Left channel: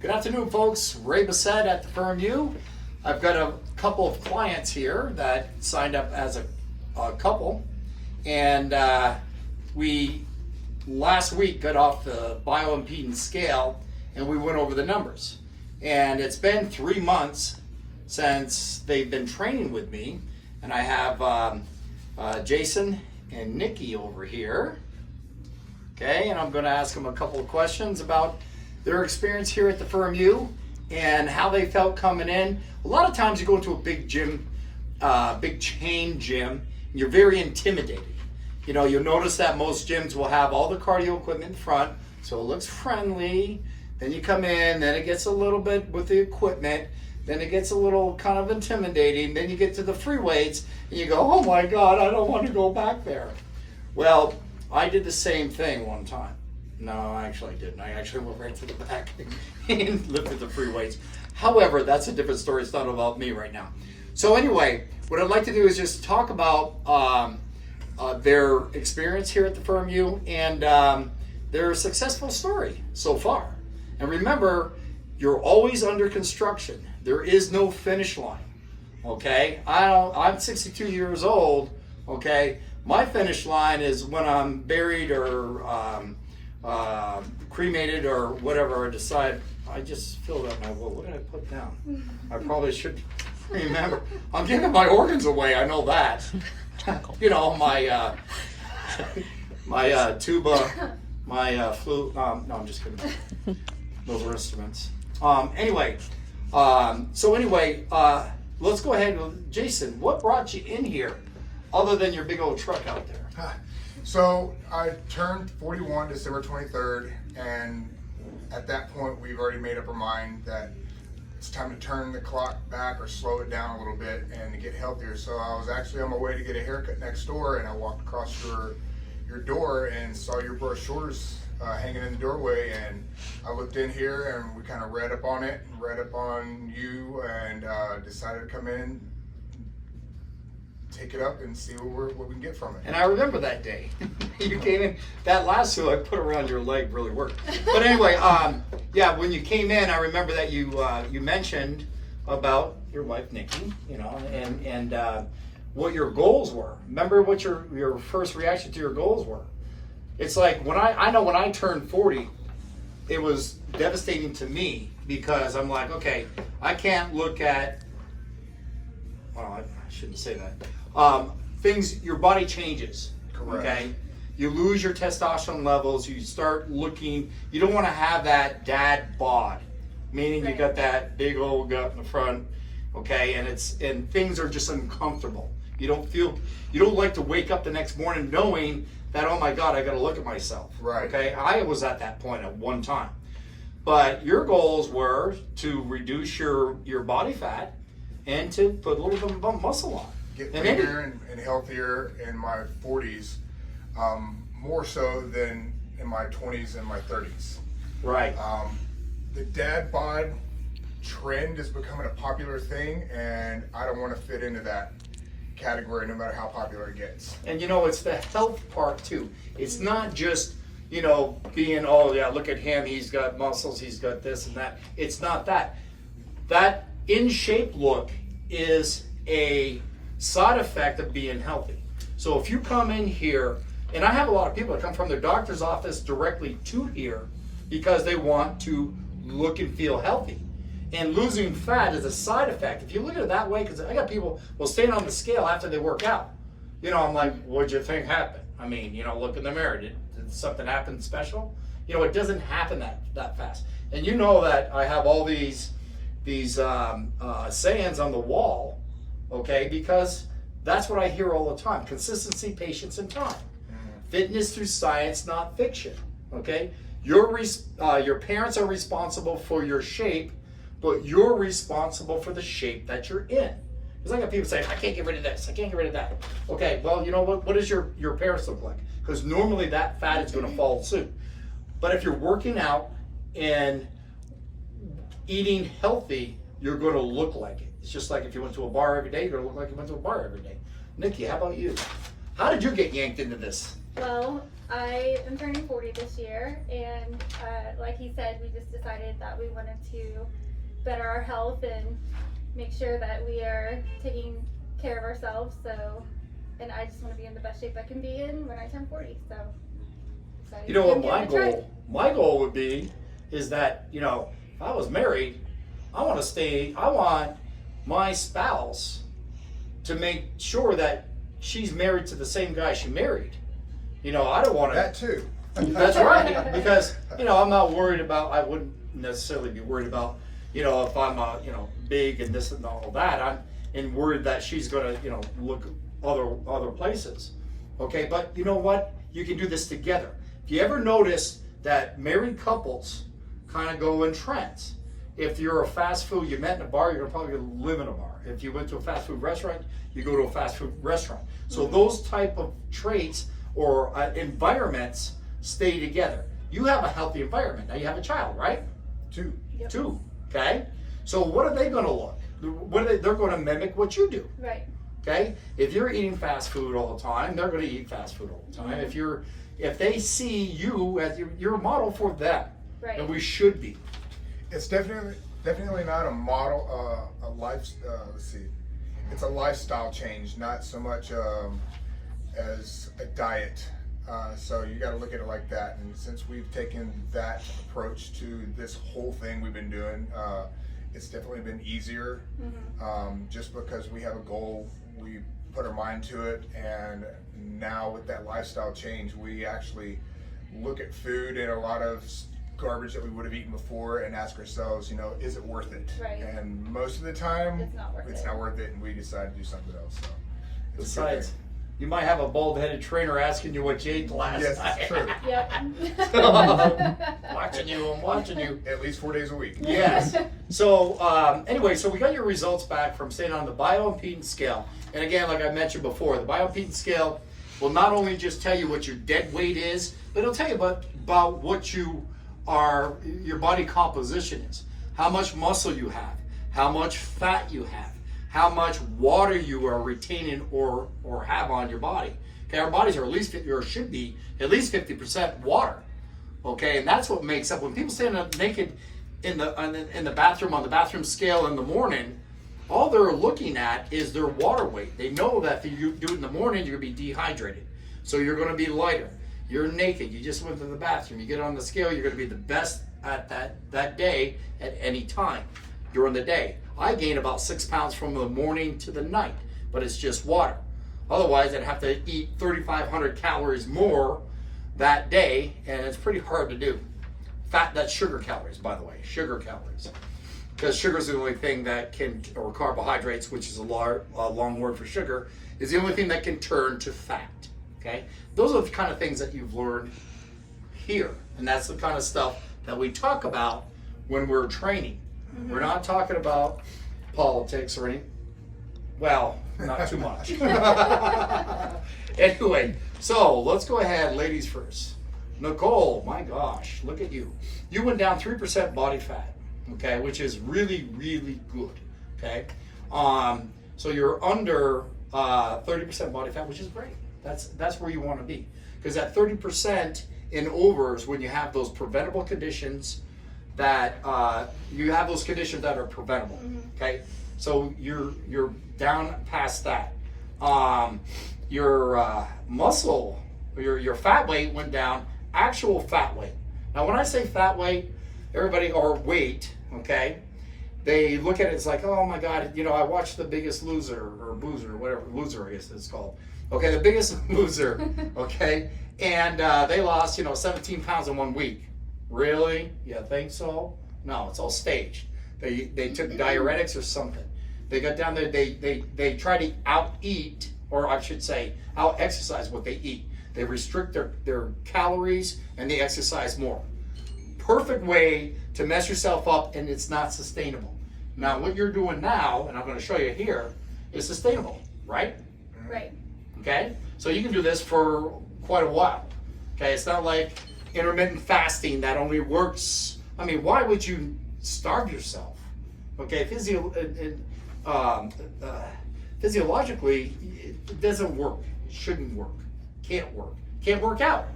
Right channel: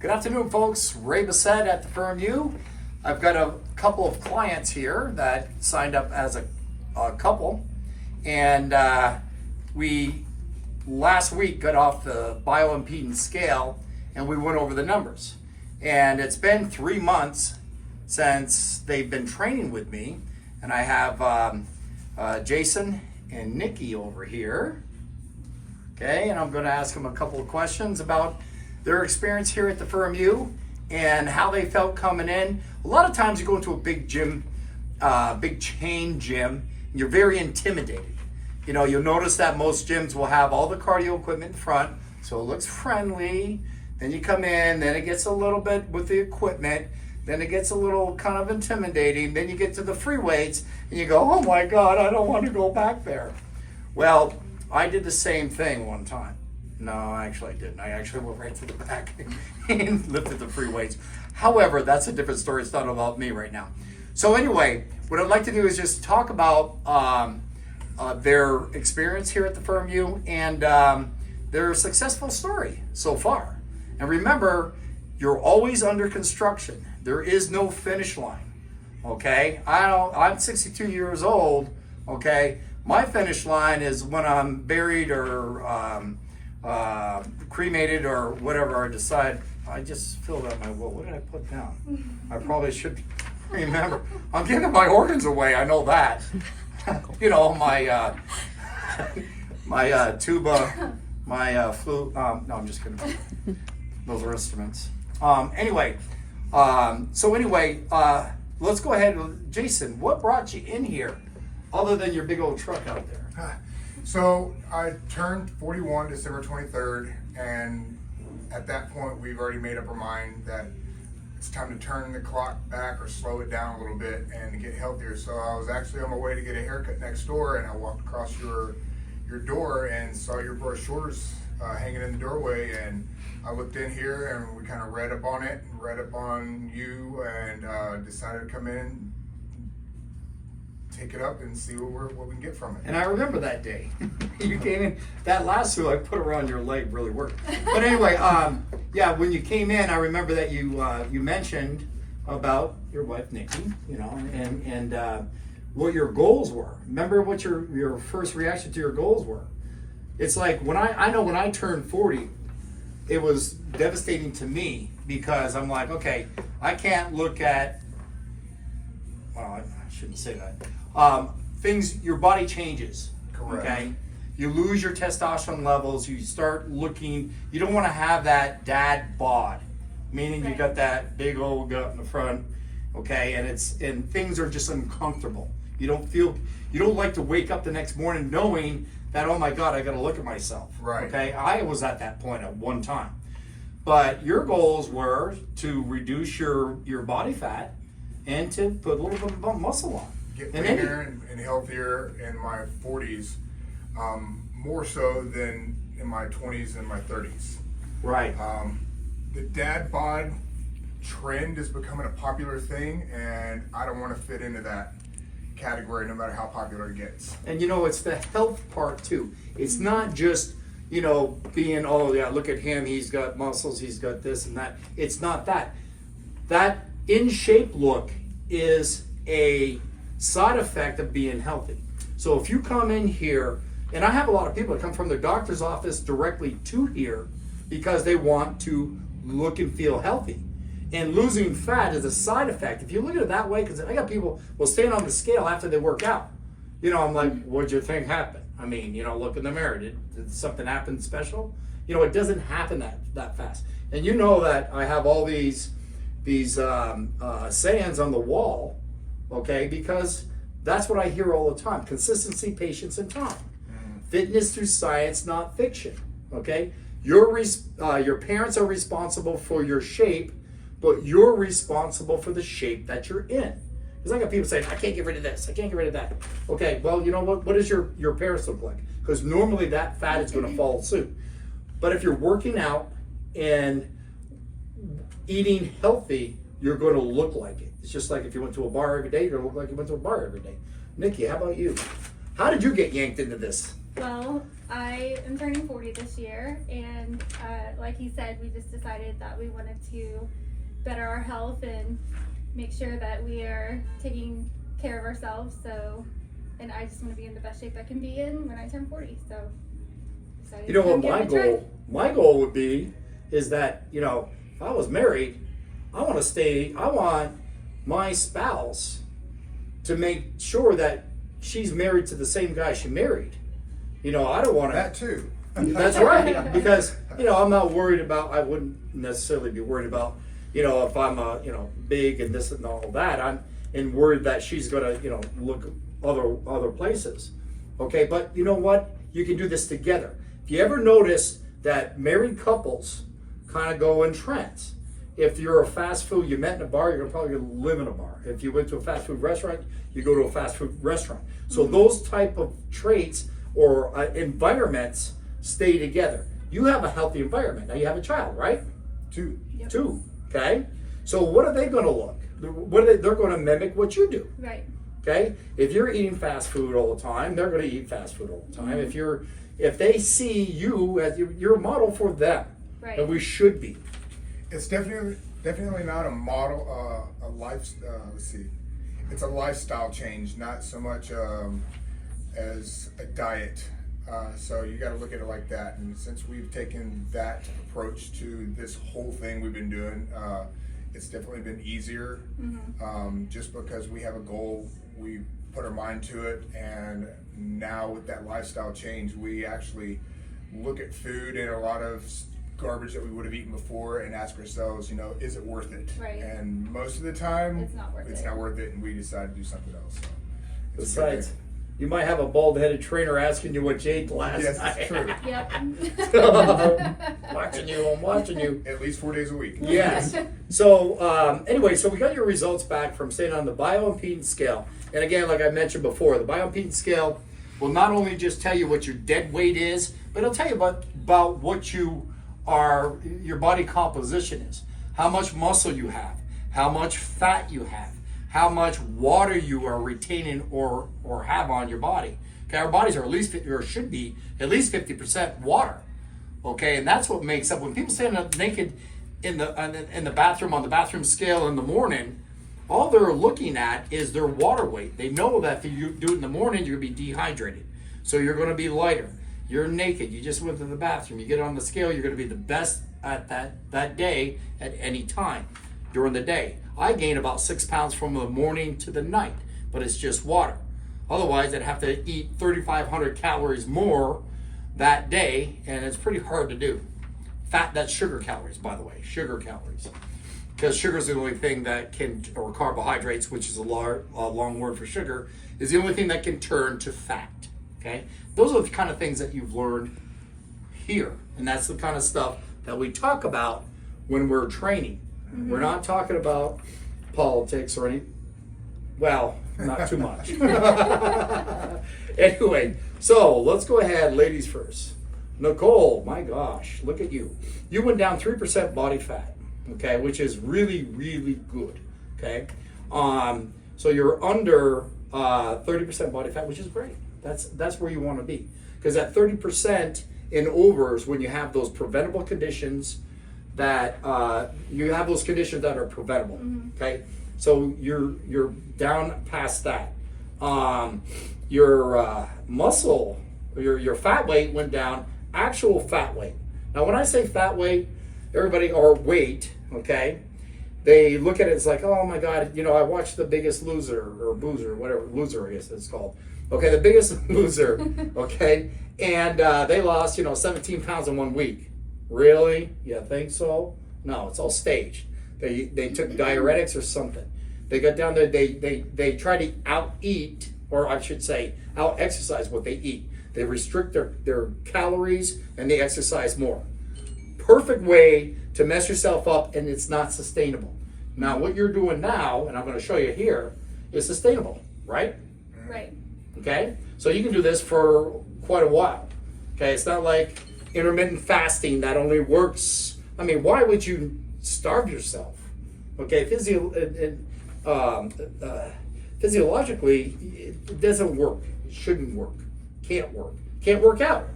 Good afternoon, folks. Ray Bessette at the Firm U. I've got a couple of clients here that signed up as a couple, and we last week got off the bioimpedance scale and we went over the numbers. And it's been 3 months since they've been training with me, and I have Jason and Nikki over here. Okay, and I'm going to ask them a couple of questions about their experience here at the Firm U and how they felt coming in. A lot of times you go into a big gym, big chain gym, and you're very intimidated. You know, you'll notice that most gyms will have all the cardio equipment in front, so it looks friendly. Then you come in, then it gets a little bit with the equipment, then it gets a little kind of intimidating. Then you get to the free weights and you go, oh my God, I don't want to go back there. Well, I did the same thing one time. No, actually I didn't. I actually went right to the back and lifted the free weights. However, that's a different story. It's not about me right now. So anyway, what I'd like to do is just talk about their experience here at the Firm U and their successful story so far. And remember, you're always under construction. There is no finish line, okay? I'm 62 years old, okay? My finish line is when I'm buried or cremated or whatever I decide. I just filled out my will. What did I put down? I probably should remember. I'm giving my organs away. I know that. You know, my my tuba, my flute. No, I'm just kidding. Those are instruments. Anyway, let's go ahead with Jason. What brought you in here, other than your big old truck out there? So I turned 41 December 23rd, and at that point we've already made up our mind that it's time to turn the clock back or slow it down a little bit and to get healthier. So I was actually on my way to get a haircut next door, and I walked across your door and saw your brochures hanging in the doorway, and I looked in here and we kind of read up on it, read up on you, and decided to come in, take it up and see what we can get from it. And I remember that day. You came in, that lasso I put around your leg really worked. But anyway, yeah, when you came in, I remember that you mentioned about your wife Nikki, you know, and what your goals were. Remember what your first reaction to your goals were? It's like when I know when I turned 40, it was devastating to me because I'm like, okay, I can't look at, well, I shouldn't say that. Things, your body changes. Correct. Okay, you lose your testosterone levels. You start looking. You don't want to have that dad bod, meaning you got that big old gut in the front. Okay, and things are just uncomfortable. You don't like to wake up the next morning knowing that, oh my God, I got to look at myself. Right. Okay, I was at that point at one time, but your goals were to reduce your body fat and to put a little bit of muscle on. Get leaner and healthier in my 40s, more so than in my 20s and my 30s. Right. The dad bod trend is becoming a popular thing, and I don't want to fit into that category no matter how popular it gets. And you know, it's the health part too. It's not just, you know, being, oh yeah, look at him, he's got muscles, he's got this and that. It's not that. That in shape look is a side effect of being healthy. So if you come in here, and I have a lot of people that come from their doctor's office directly to here because they want to look and feel healthy. And losing fat is a side effect. If you look at it that way, because I got people will stand on the scale after they work out. You know, I'm like, what'd you think happened? I mean, you know, look in the mirror. Did something happen special? You know, it doesn't happen that fast. And you know that I have all these sayings on the wall, okay, because that's what I hear all the time. Consistency, patience, and time. Fitness through science, not fiction, okay? Your parents are responsible for your shape, but you're responsible for the shape that you're in. Because I got people saying, I can't get rid of this, I can't get rid of that. Okay, well, you know what does your parents look like? Because normally that fat is gonna follow suit. But if you're working out and eating healthy, you're gonna look like it. It's just like if you went to a bar every day, you're gonna look like you went to a bar every day. Nikki, how about you? How did you get yanked into this? Well, I am turning 40 this year, and like he said, we just decided that we wanted to better our health and make sure that we are taking care of ourselves. So, and I just want to be in the best shape I can be in when I turn 40. So, decided You know to what give my it a try. my goal would be is that, if I was married, I want my spouse to make sure that she's married to the same guy she married. I don't want That to. too. That's right. Because, I'm not worried about, I wouldn't necessarily be worried about, if I'm, big and this and all of that. I'm worried that she's going to, look other places. Okay. But you know what? You can do this together. If you ever notice that married couples kind of go in trends, if you're a fast food, you met in a bar, you're probably going to live in a bar. If you went to a fast food restaurant, you go to a fast food restaurant. So those type of traits or environments stay together. You have a healthy environment. Now you have a child, right? Two. Yep. Two. Okay. So what are they going to look? They're going to mimic what you do. Right. Okay. If you're eating fast food all the time, they're going to eat fast food all the time. If they see you as you're a model for them, Right. and we should be. It's definitely not a model, a life. Let's see, it's a lifestyle change, not so much as a diet. So you got to look at it like that. And since we've taken that approach to this whole thing we've been doing, it's definitely been easier. Just because we have a goal, we put our mind to it, and now with that lifestyle change, we actually look at food and a lot of garbage that we would have eaten before and ask ourselves, is it worth it? Right. And most of the time, It's not worth it. not worth it, and we decide to do something else. So, it's a good Besides, thing. you might have a bald-headed trainer asking you what you ate last Yes, night. it's true. Yep. I'm watching you. At least 4 days a week. Yes. So anyway, so we got your results back from staying on the bioimpedance scale. And again, like I mentioned before, the bioimpedance scale will not only just tell you what your dead weight is, but it'll tell you about what your body composition is, how much muscle you have, how much fat you have, how much water you are retaining or have on your body. Okay, our bodies are should be at least 50% water. Okay, and that's what makes up when people stand up naked in the bathroom on the bathroom scale in the morning. All they're looking at is their water weight. They know that if you do it in the morning, you're going to be dehydrated, so you're going to be lighter. You're naked. You just went to the bathroom. You get on the scale. You're going to be the best at that day at any time during the day. I gain about 6 pounds from the morning to the night, but it's just water. Otherwise, I'd have to eat 3,500 calories more that day, and it's pretty hard to do. Fat, that's sugar calories, by the way, sugar calories. Because sugar is the only thing that can, or carbohydrates, which is a long word for sugar, is the only thing that can turn to fat. Okay? Those are the kind of things that you've learned here. And that's the kind of stuff that we talk about when we're training. We're not talking about politics or any, well, not too much. Anyway, so let's go ahead, ladies first. Nicole, my gosh, look at you. You went down 3% body fat, okay, which is really, really good, okay? So you're under 30% body fat, which is great. That's where you want to be. Because at 30% in overs, when you have those preventable conditions that you have those conditions that are preventable, okay? So you're down past that. Your muscle, your fat weight went down, actual fat weight. Now when I say fat weight, everybody, or weight, okay, they look at it as like, oh my God, I watched The Biggest Loser, or Boozer, whatever, Loser I guess it's called. Okay, The Biggest Loser, okay, and they lost, 17 pounds in 1 week. Really? You think so? No, it's all staged. They took diuretics or something. They got down there, they try to out-eat, or I should say, out-exercise what they eat. They restrict their calories and they exercise more. Perfect way to mess yourself up, and it's not sustainable. Now, what you're doing now, and I'm going to show you here, is sustainable, right? Right. Okay? So you can do this for quite a while. Okay? It's not like intermittent fasting that only works. I mean, why would you starve yourself? Okay? Physiologically, it doesn't work. It shouldn't work. Can't work. can't work out.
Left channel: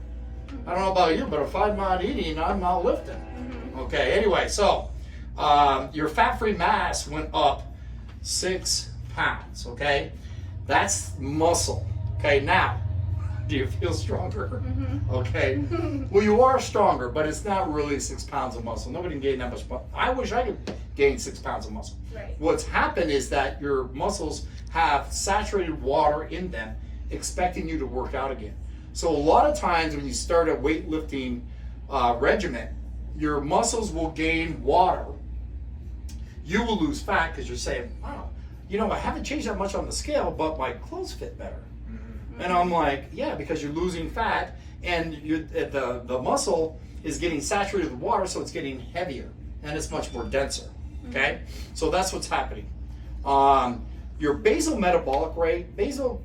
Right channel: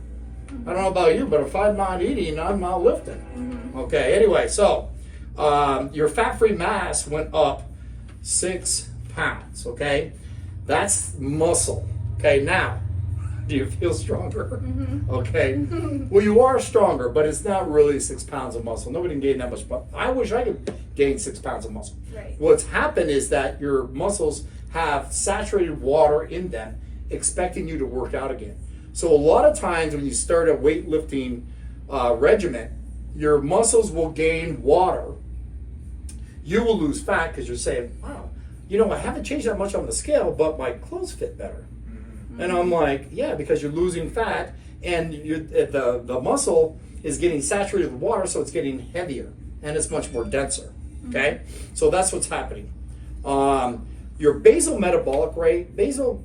I don't know about you, but if I'm not eating, I'm not lifting. Okay, anyway, so your fat-free mass went up 6 pounds, okay? That's muscle. Okay, now, do you feel stronger? Okay. Well, you are stronger, but it's not really 6 pounds of muscle. Nobody can gain that much. But I wish I could gain 6 pounds of muscle. Right. What's happened is that your muscles have saturated water in them, expecting you to work out again. So a lot of times when you start a weightlifting regimen, your muscles will gain water. You will lose fat because you're saying, wow, you know, I haven't changed that much on the scale, but my clothes fit better. And I'm like, yeah, because you're losing fat and the muscle is getting saturated with water, so it's getting heavier and it's much more denser. Okay, so that's what's happening. Your basal metabolic rate, basal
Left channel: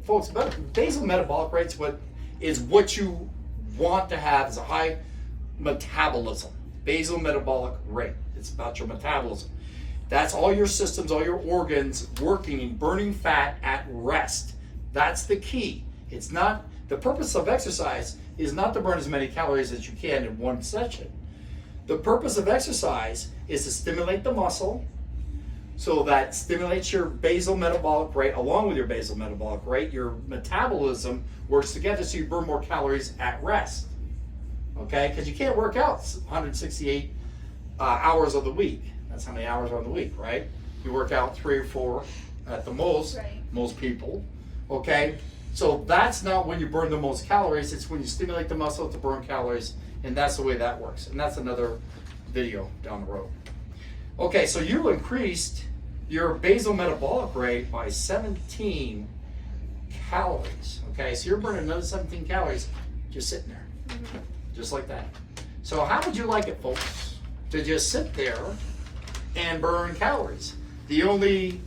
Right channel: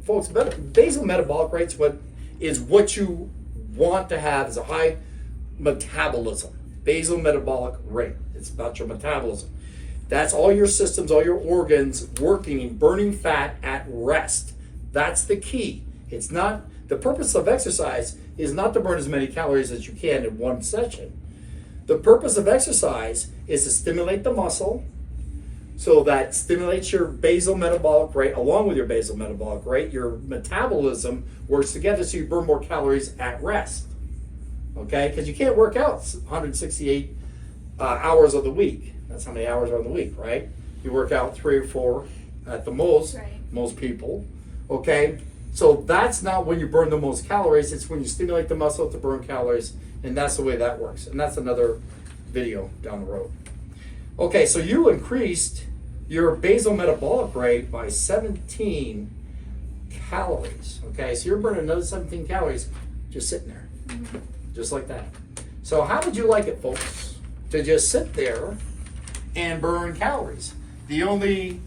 metabolic rate's what you want to have is a high metabolism. Basal metabolic rate. It's about your metabolism. That's all your systems, all your organs working, burning fat at rest. That's the key. It's not, the purpose of exercise is not to burn as many calories as you can in one session. The purpose of exercise is to stimulate the muscle, so that stimulates your basal metabolic rate. Along with your basal metabolic rate, your metabolism works together so you burn more calories at rest. Okay, because you can't work out 168 hours of the week. That's how many hours are in the week, right? You work out 3 or 4 at the most, Right. most people. Okay, so that's not when you burn the most calories. It's when you stimulate the muscle to burn calories, and that's the way that works. And that's another video down the road. Okay, so you increased your basal metabolic rate by 17 calories. Okay, so you're burning another 17 calories just sitting there, just like that. So how would you like it, folks, to just sit there and burn calories? The only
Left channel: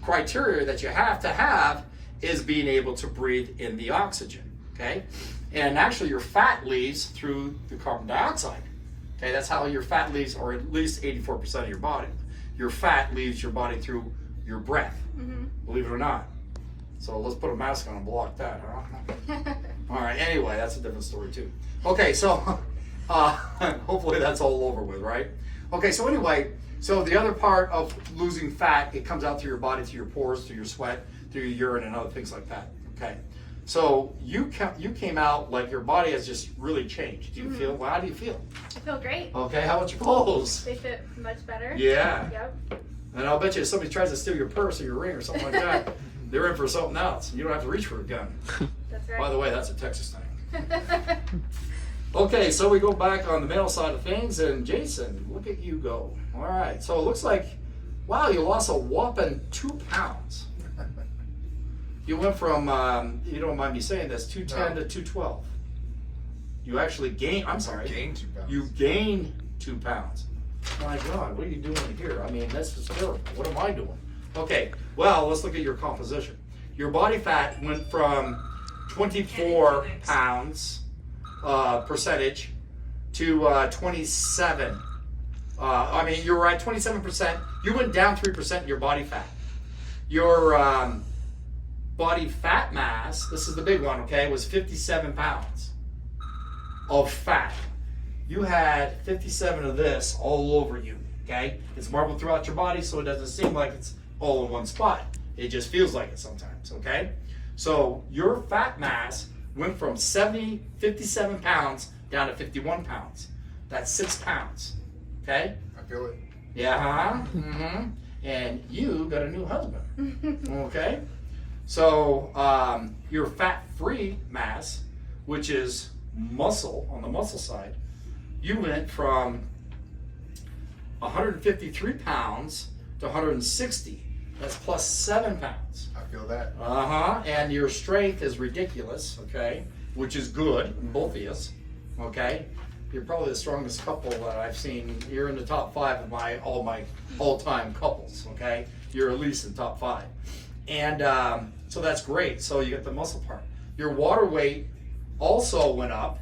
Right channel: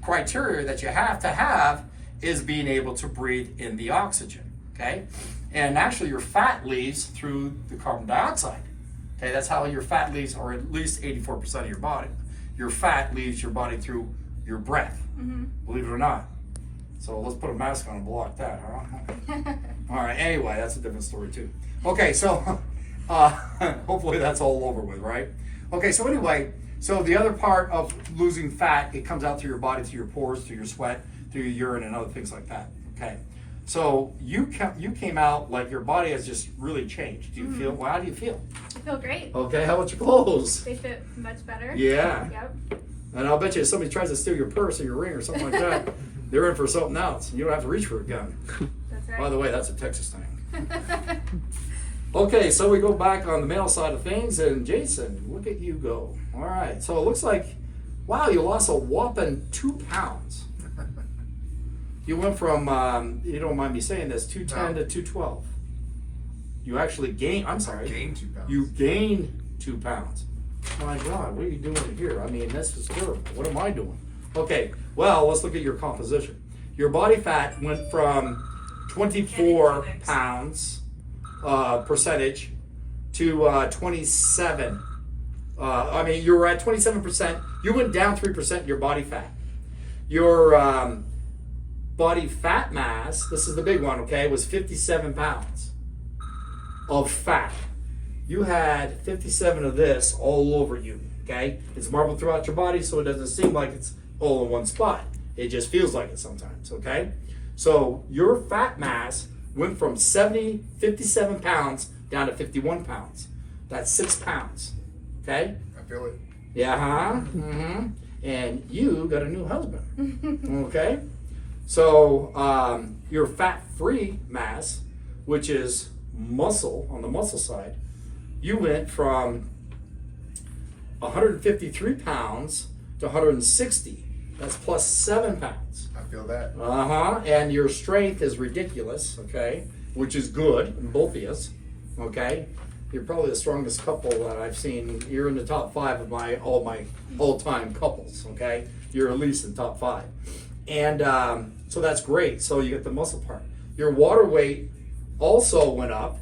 criteria that you have to have is being able to breathe in the oxygen. Okay, and actually your fat leaves through the carbon dioxide. Okay, that's how your fat leaves, or at least 84% of your body. Your fat leaves your body through your breath, believe it or not. So let's put a mask on and block that, huh? All right, anyway, that's a different story too. Okay, so hopefully that's all over with, right? Okay, so anyway, so the other part of losing fat, it comes out through your body, through your pores, through your sweat, through your urine and other things like that, okay? So you came out like your body has just really changed. Do you feel, well, how do you feel? I feel great. Okay, how about your clothes? They fit much better. Yeah. Yep. And I'll bet you if somebody tries to steal your purse or your ring or something like that, they're in for something else. You don't have to reach for a gun. That's right. By the way, that's a Texas thing. Okay, so we go back on the male side of things, and Jason, look at you go. All right, so it looks like, wow, you lost a whopping 2 pounds. You went from, you don't mind me saying this, 210 to 212. You actually gained, I'm sorry. I gained 2 pounds. You gained 2 pounds. My God, what are you doing here? I mean, this is terrible. What am I doing? Okay, well, let's look at your composition. Your body fat went from 24 pounds percentage to 27. I mean, you were at 27%. You went down 3% in your body fat. Your body fat mass, this is the big one, okay, was 57 pounds of fat. You had 57 of this all over you, okay? It's marbled throughout your body, so it doesn't seem like it's all in one spot. It just feels like it sometimes, okay? So your fat mass went from 57 pounds down to 51 pounds. That's 6 pounds, okay? I feel it. Yeah, huh? And you got a new husband, okay? So your fat-free mass, which is muscle, on the muscle side, you went from 153 pounds to 160. That's plus 7 pounds. I feel that. And your strength is ridiculous, okay? Which is good in both of us, okay? You're probably the strongest couple that I've seen. You're in the top 5 of all my all-time couples, okay? You're at least in the top 5. And so that's great. So you get the muscle part. Your water weight also went up,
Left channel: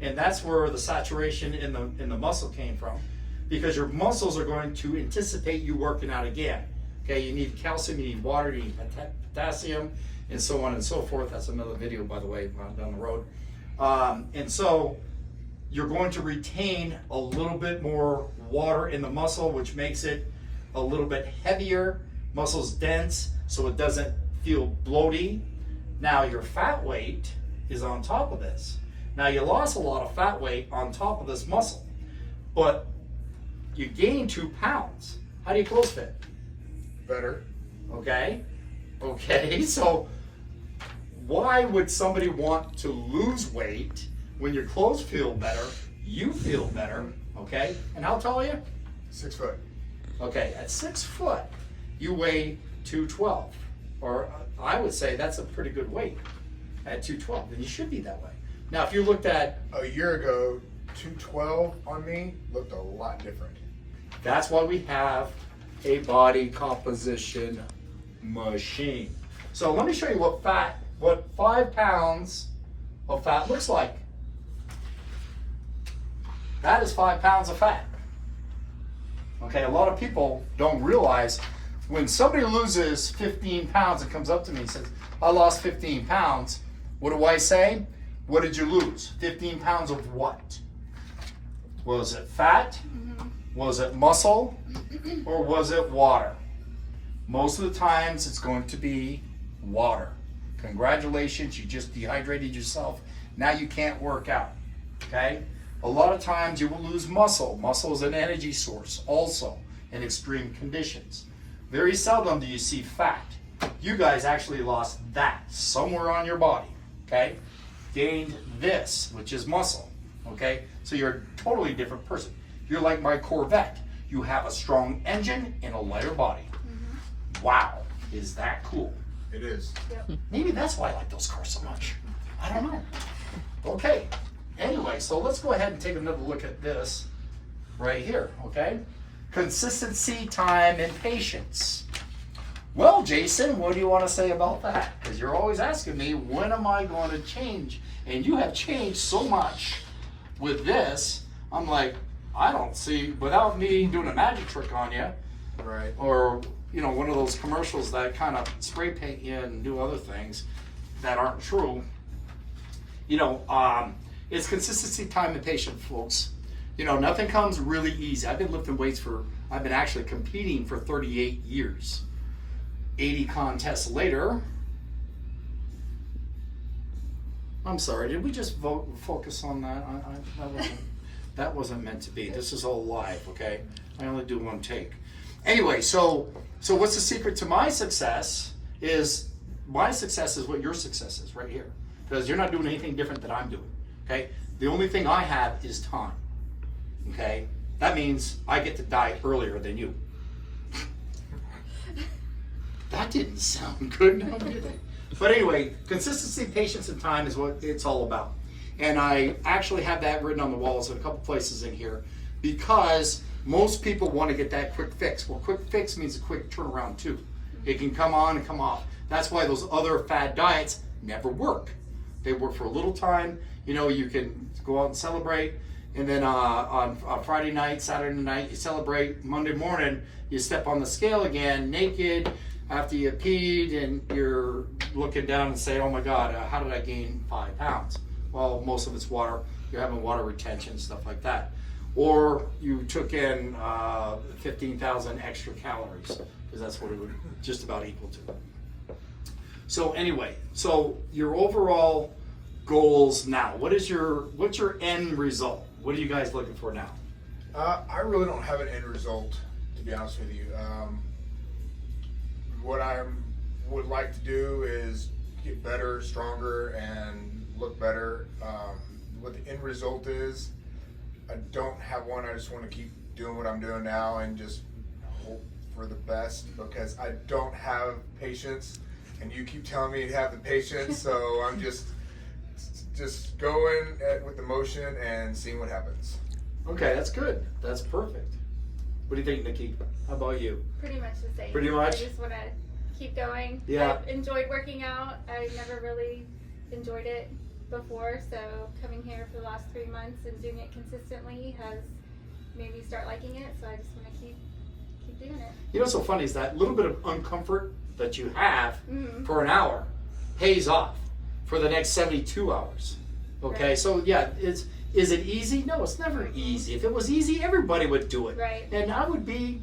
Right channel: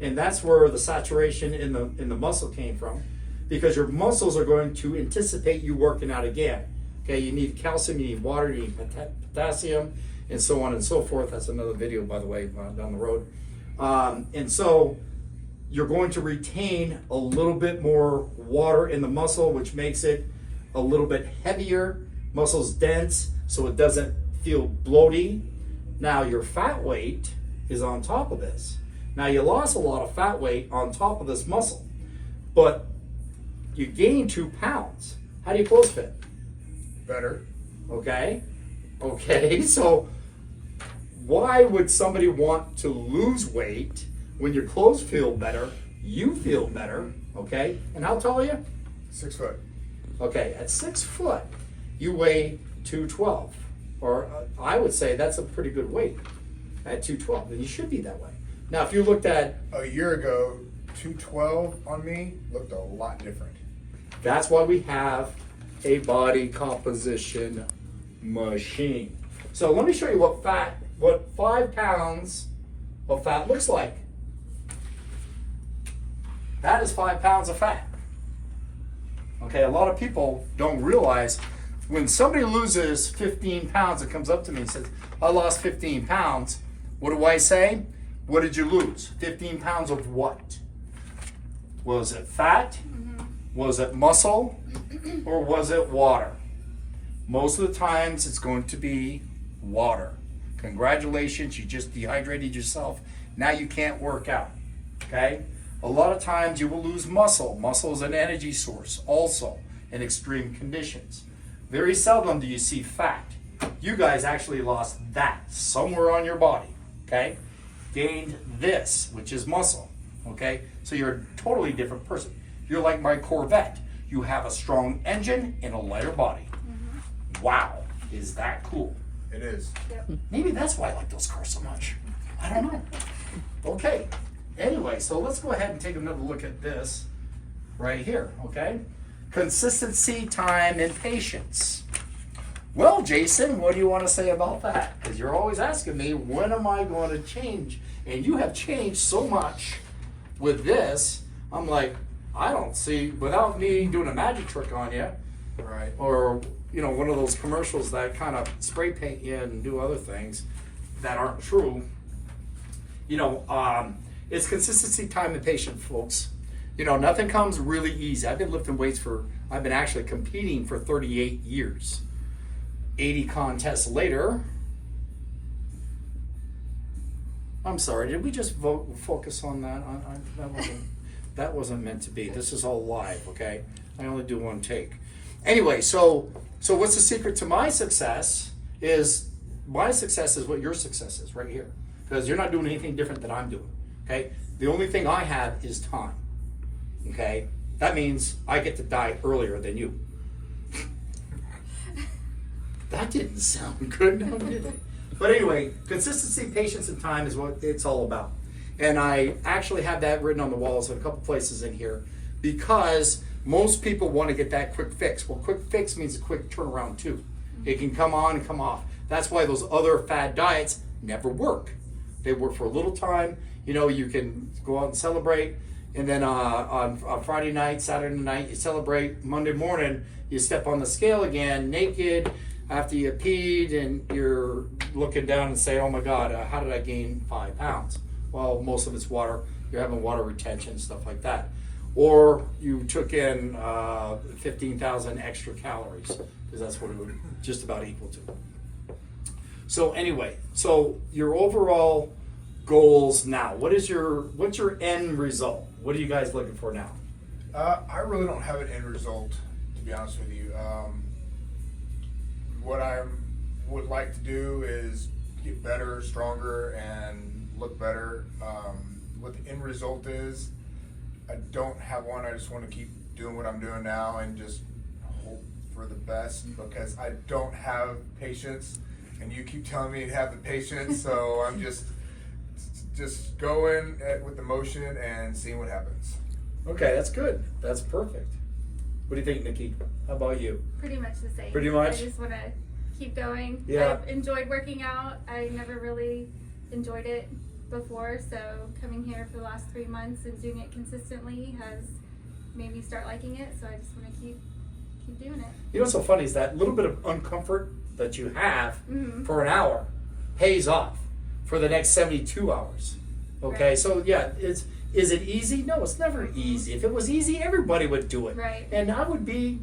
and that's where the saturation in the muscle came from, because your muscles are going to anticipate you working out again. Okay, you need calcium, you need water, you need potassium, and so on and so forth. That's another video, by the way, down the road. And so you're going to retain a little bit more water in the muscle, which makes it a little bit heavier. Muscle's dense, so it doesn't feel bloaty. Now your fat weight is on top of this. Now you lost a lot of fat weight on top of this muscle, but you gained 2 pounds. How do you clothes fit? Better. Okay, so why would somebody want to lose weight when your clothes feel better, you feel better, okay? And how tall are you? 6 foot. Okay, at 6 foot, you weigh 212. Or I would say that's a pretty good weight at 212, and you should be that way. Now, if you looked at... A year ago, 212 on me looked a lot different. That's why we have a body composition machine. So let me show you what 5 pounds of fat looks like. That is 5 pounds of fat. Okay, a lot of people don't realize when somebody loses 15 pounds and comes up to me and says, I lost 15 pounds, what do I say? What did you lose? 15 pounds of what? Was it fat? Was it muscle? Or was it water? Most of the times it's going to be water. Congratulations, you just dehydrated yourself. Now you can't work out, okay? A lot of times you will lose muscle. Muscle is an energy source also in extreme conditions. Very seldom do you see fat. You guys actually lost that somewhere on your body, okay? Gained this, which is muscle, okay? So you're a totally different person. You're like my Corvette. You have a strong engine and a lighter body. Wow, is that cool? It is. Maybe that's why I like those cars so much. I don't know. Okay, anyway, so let's go ahead and take another look at this right here, okay? Consistency, time, and patience. Well, Jason, what do you want to say about that? Because you're always asking me, when am I going to change? And you have changed so much with this. I'm like, I don't see, without me doing a magic trick on you, Right. or you know, one of those commercials that kind of spray paint you and do other things that aren't true. You know, it's consistency, time, and patience, folks. You know, nothing comes really easy. I've been lifting weights I've been actually competing for 38 years. 80 contests later. I'm sorry, did we just focus on that? That wasn't meant to be. This is all live, okay? I only do one take. Anyway, so what's the secret to my success is what your success is right here. Because you're not doing anything different than I'm doing, okay? The only thing I have is time, okay? That means I get to die earlier than you. That didn't sound good, now did it? But anyway, consistency, patience, and time is what it's all about. And I actually have that written on the walls in a couple places in here because most people want to get that quick fix. Well, quick fix means a quick turnaround too. It can come on and come off. That's why those other fad diets never work. They work for a little time. You know, you can go out and celebrate, and then on Friday night, Saturday night, you celebrate. Monday morning, you step on the scale again, naked, after you peed, and you're looking down and say, oh my God, how did I gain 5 pounds? Well, most of it's water. You're having water retention, stuff like that. Or you took in 15,000 extra calories, because that's what it would just about equal to. So anyway, so your overall goals now. What's your end result? What are you guys looking for now? I really don't have an end result, to be honest with you. What I would like to do is get better, stronger, and look better. What the end result is, I don't have one. I just want to keep doing what I'm doing now and just hope for the best, because I don't have patience, and you keep telling me to have the patience, so I'm just going with the motion and seeing what happens. Okay, that's good. That's perfect. What do you think, Nikki? How about you? Pretty much the same. Pretty much? I just want to keep going. Yeah. I've enjoyed working out. I never really enjoyed it before, so coming here for the last 3 months and doing it consistently has made me start liking it, so I just want to keep doing it. You know what's so funny is that little bit of uncomfort that you have for an hour pays off for the next 72 hours. Okay, Right. so yeah, is it easy? No, it's never easy. If it was easy, everybody would do it. Right. And I would be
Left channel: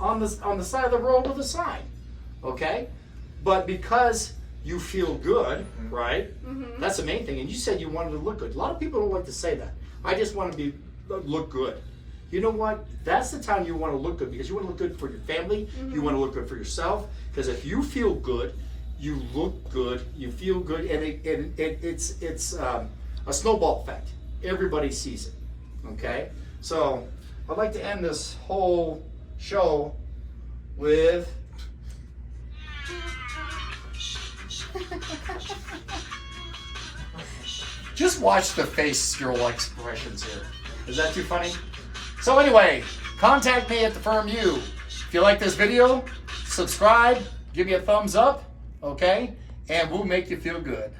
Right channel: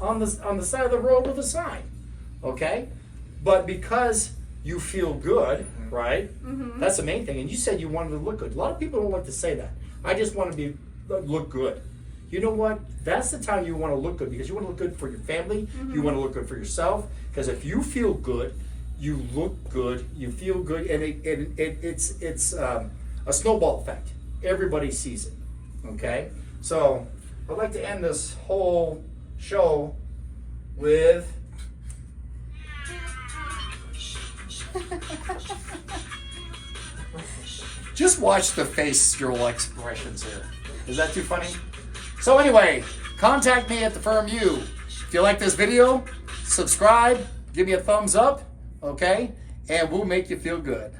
on the side of the road with a sign. Okay? But because you feel good, right? Mm-hmm. That's the main thing. And you said you wanted to look good. A lot of people don't like to say that. I just want to look good. You know what? That's the time you want to look good, because you want to look good for your family. You want to look good for yourself. Because if you feel good, you look good, you feel good, and it's a snowball effect. Everybody sees it. Okay? So I'd like to end this whole show with just watch the facial expressions here. Is that too funny? So anyway, contact me at the firm U. If you like this video, subscribe, give me a thumbs up, okay? And we'll make you feel good.